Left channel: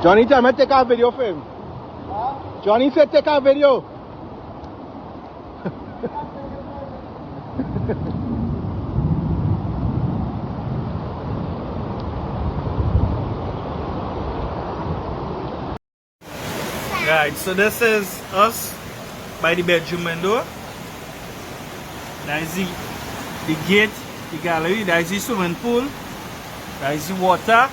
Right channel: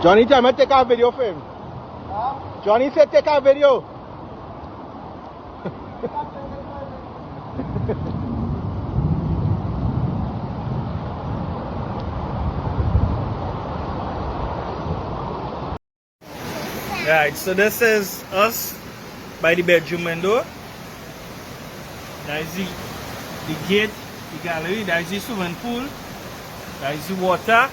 Johnny, tell me take a video for him. Johnny said take a video. Right, so this is us by the bedroom window. That is the gate, the gallery, that is the swimming pool, that is the water.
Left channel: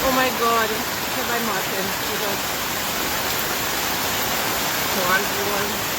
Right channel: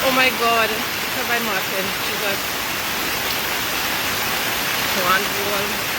Oh my God, by Martin, Jesus. One wall.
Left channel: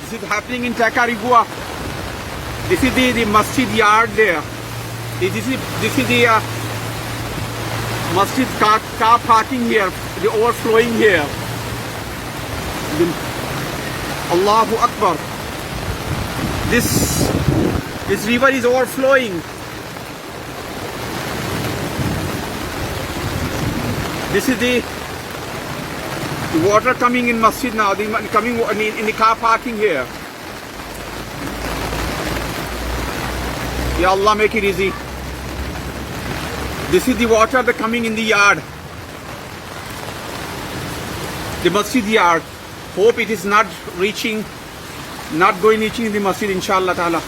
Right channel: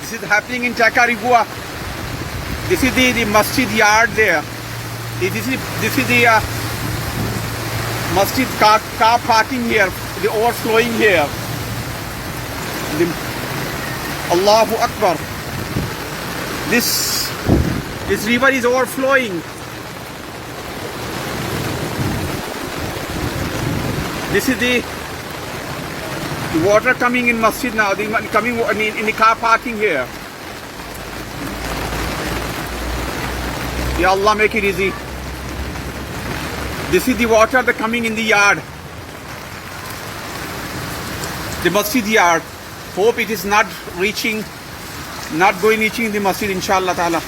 This is happening in Tacarigua. This is the masjid yard there. This is the masjid car parking here, the overflowing here. Allahu Akbar. This river is overflowing. This is the water coming in masjid now, coming in the car parking here. Ya Allah, make it easy. This is the water that coming in the yard, the masjid yard. Hope it is not reaching the masjid, inshallah ta'ala.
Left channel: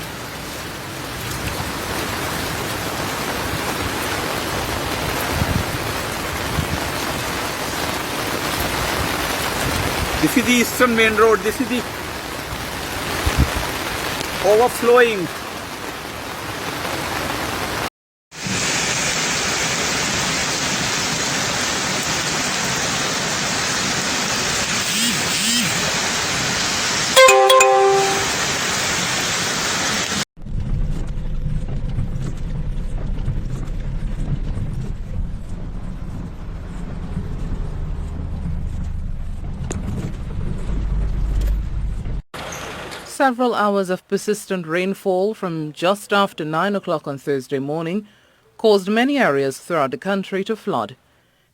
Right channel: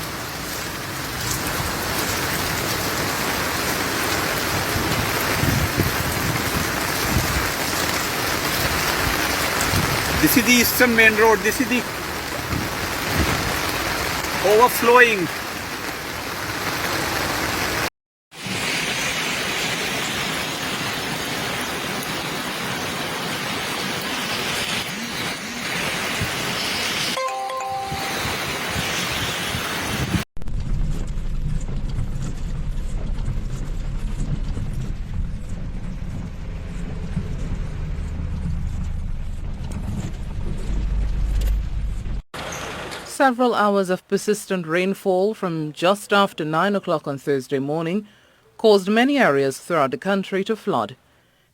This is the eastern main road. This is the overflowing. Several hours of persistent rainfall from just after 9 o'clock on Thursday morning caused many areas throughout the country to flood.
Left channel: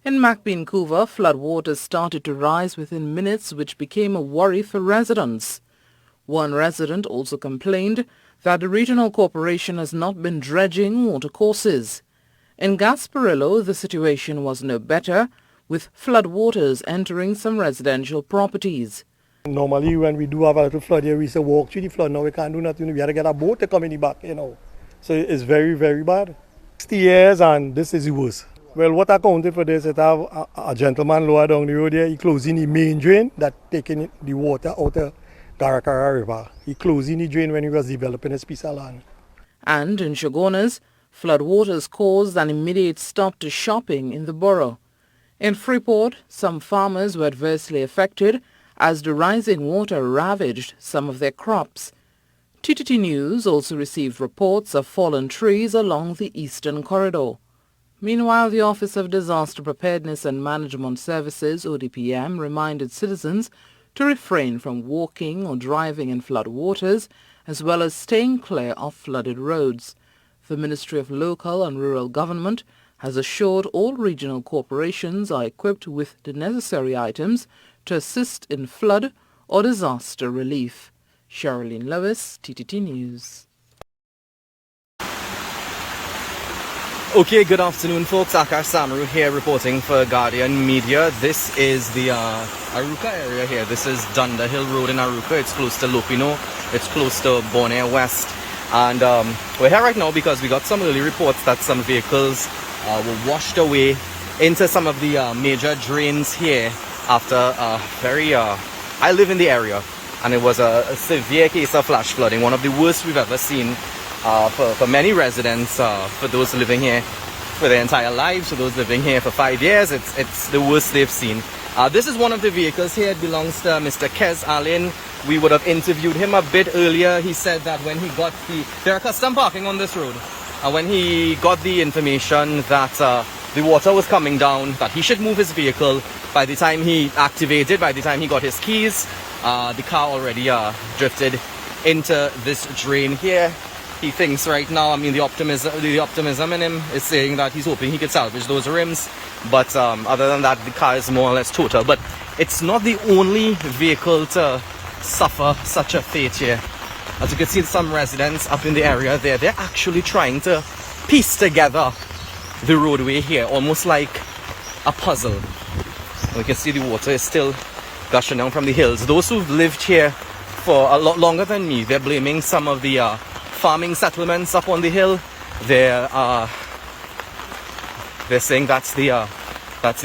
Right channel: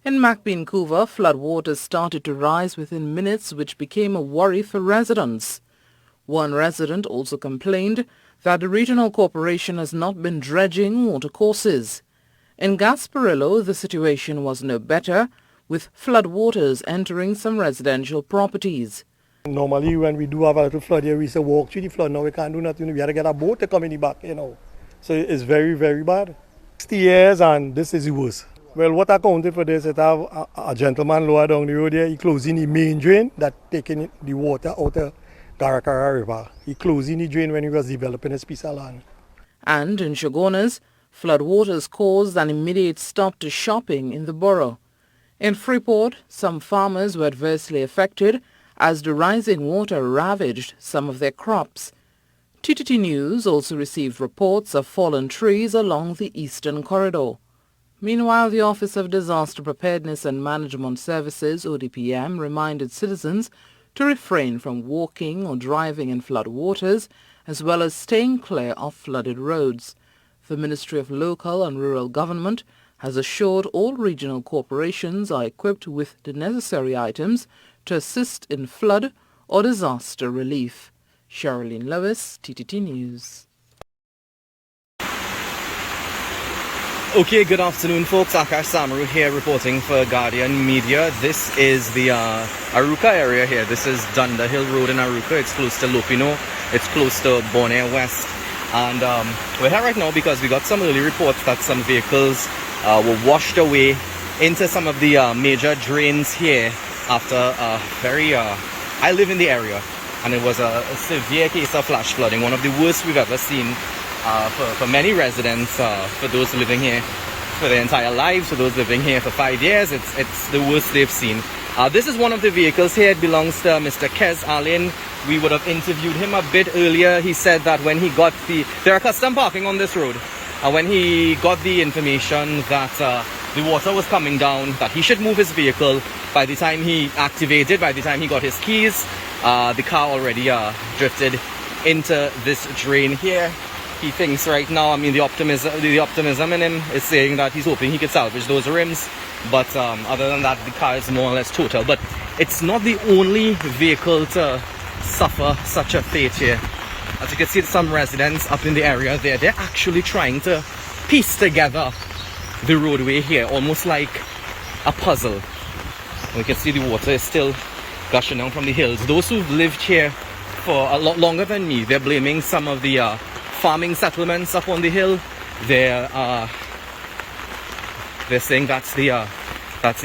In Macbean-Couva, floodwaters started to rise within minutes, which became a worry for residents. One resident also complained that the regional corporation has not been dredging watercourses. In Gasparillo, the situation was no better, with floodwaters entering some residential properties. Normally, when we do have a little flood here, we say walk through the flood. Now we can't do nothing. We have to get a boat to come in the back, So it's very, very bad. 60 years and this is the worst. Well, what accounted for this is a gentleman lower down the road here. He closing the main drain that taking the water out of Caracara River. He closing the drain when he was developing his piece of land. And in Chaguanas, floodwaters caused an immediate stop to shopping in the borough. In Freeport, some farmers were adversely affected as the rising water ravaged some of their crops. TTT News also received reports of fallen trees along the eastern corridor. Meanwhile, the Office of Disaster Preparedness and Management Services, ODPM, reminded citizens to refrain from walking or driving in flood waters, as well as staying clear of flooded roads. The Ministry of Local and Rural Government has assured all regional corporations are equipped with the necessary items to assist in flood or disaster relief. Sherilyn Lewis, TTT News. Okay, good afternoon folks. Akar Samaru here reporting for Guardian Media. This is the Aruka area here. This is Dunder Hill Road in Aruka. It's close to Lopino. It's close to Bonaire West. And we're here right now because we got some early reports that some vehicles were washed away into some of the major drains here after I live in the area, and it was a severe case of flash flooding, one of the worst we've ever seen for many residents, for those living here for their entire lives, for those living here for 5 years. It's the worst they've seen. This is one of the vehicles here. It belongs to Mr. Kez Allen. We would have interviewed him a bit earlier. He said that when he got there are custom parking on this road, and when he got the information that the water was coming down, that he should move his vehicle, by the time he activated, by the time he got his keys, the car already drifted into this drain here. He thinks right now, I mean, the optimism in him is saying that he's hoping he could salvage those rims. But other than that, the car is more or less total. But it's not the only vehicle to suffer such a fate here. As you can see, some residents up in the area there, they're actually trying to piece together the roadway here, almost like a puzzle. We can see the water is still gushing down from the hills. Those who've lived here for a lot longer than me, they're blaming some of the farming settlements up on the hill. They're saying that's the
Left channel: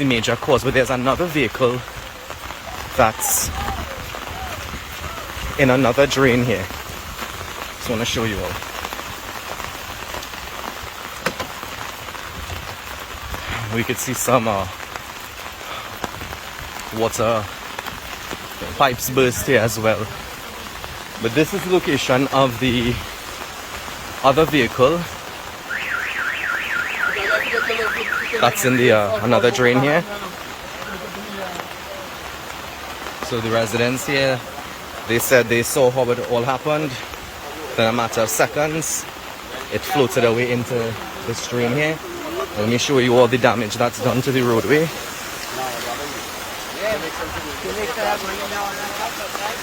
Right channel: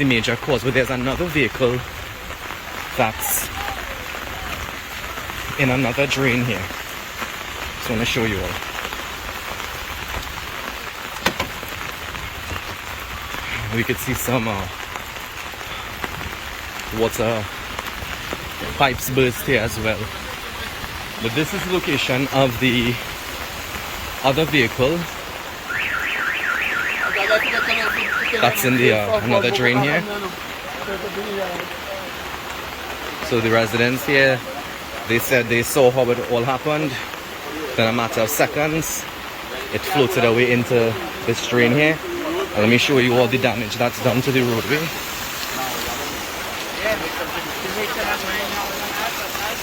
major cause. But there's another vehicle that's in another drain here. Just want to show you all. We could see some water pipes burst here as well. But this is the location of the other vehicle that's in the another drain here. So the residents here, they said they saw how it all happened. In a matter of seconds, it floated away into this drain here. And let me show you all the damage that's done to the roadway.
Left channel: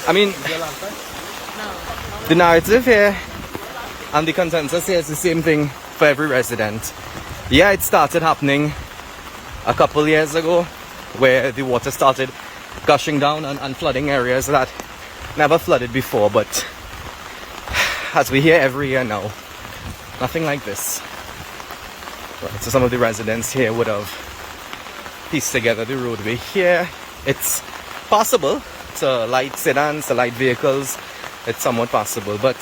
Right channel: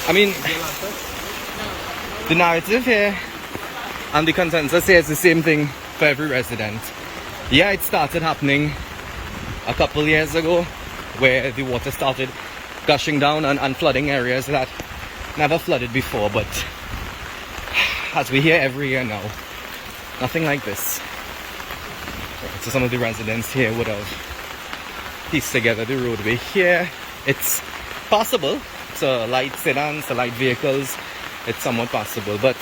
I mean, the narrative here and the consensus here is the same thing for every resident. Yeah, it started happening a couple years ago, where the water started gushing down and flooding areas that never flooded before, but as we hear every year now, nothing like this. Right, so some of the residents here would have pieced together the roadway here. It's possible to light sedans, to light vehicles, it's somewhat possible, but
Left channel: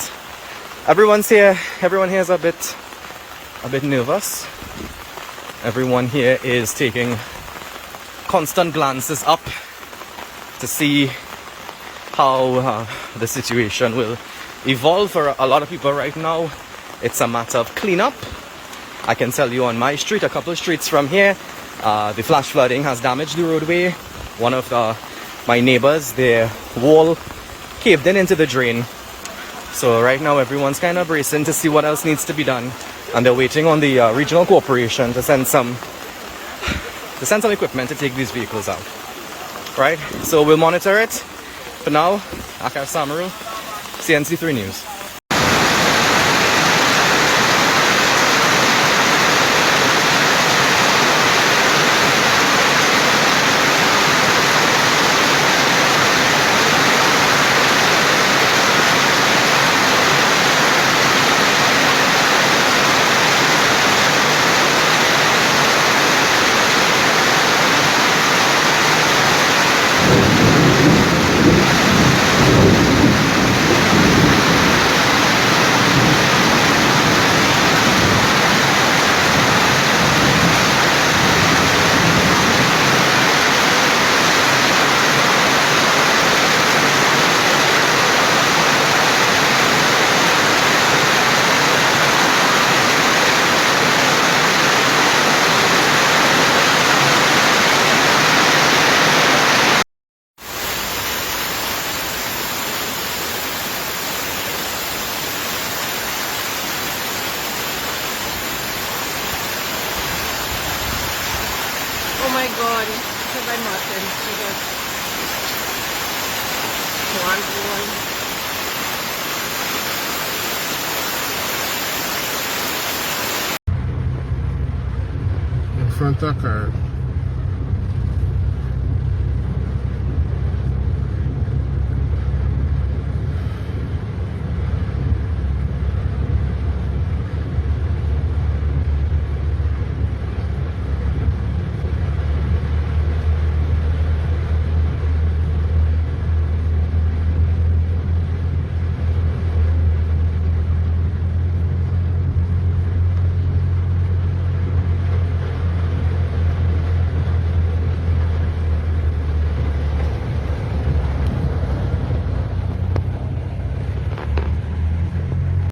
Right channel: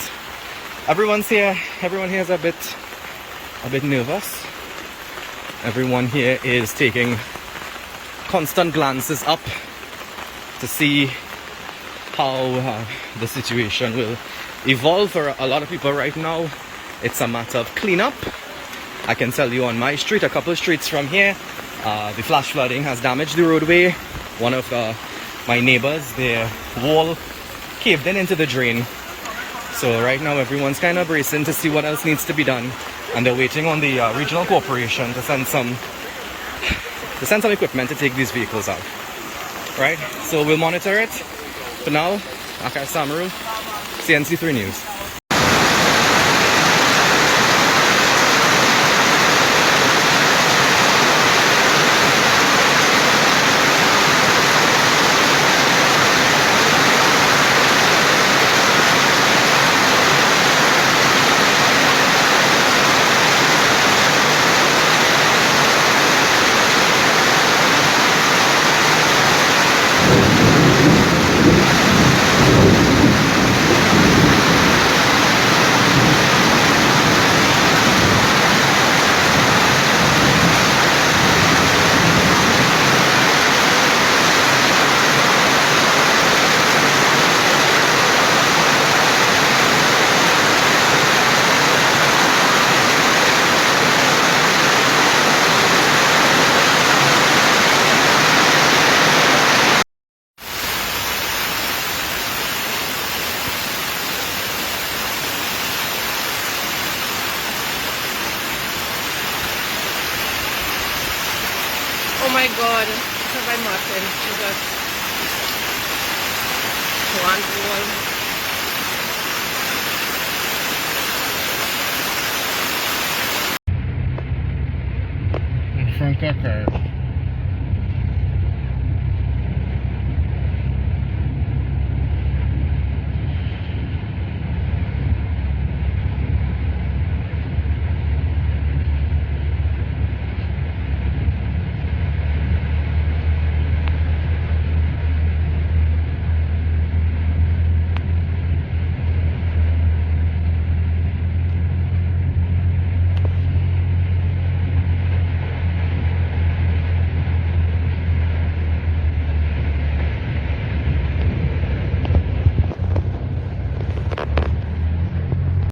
everyone here is a bit nervous. Everyone here is taking constant glances up to see how the situation will evolve. For a lot of people right now, it's a matter of cleanup. I can tell you on my street, a couple of streets from here, the flash flooding has damaged the roadway. One of my neighbors, their wall caved into the drain. So right now everyone's kind of bracing to see what else needs to be done, and they're waiting on the regional corporation to send some equipment to take these vehicles out. Right? So we'll monitor it. For now, Akar Samaru, CNC3 News. God, because I'm Martin. Jesus. One wall. In front of car.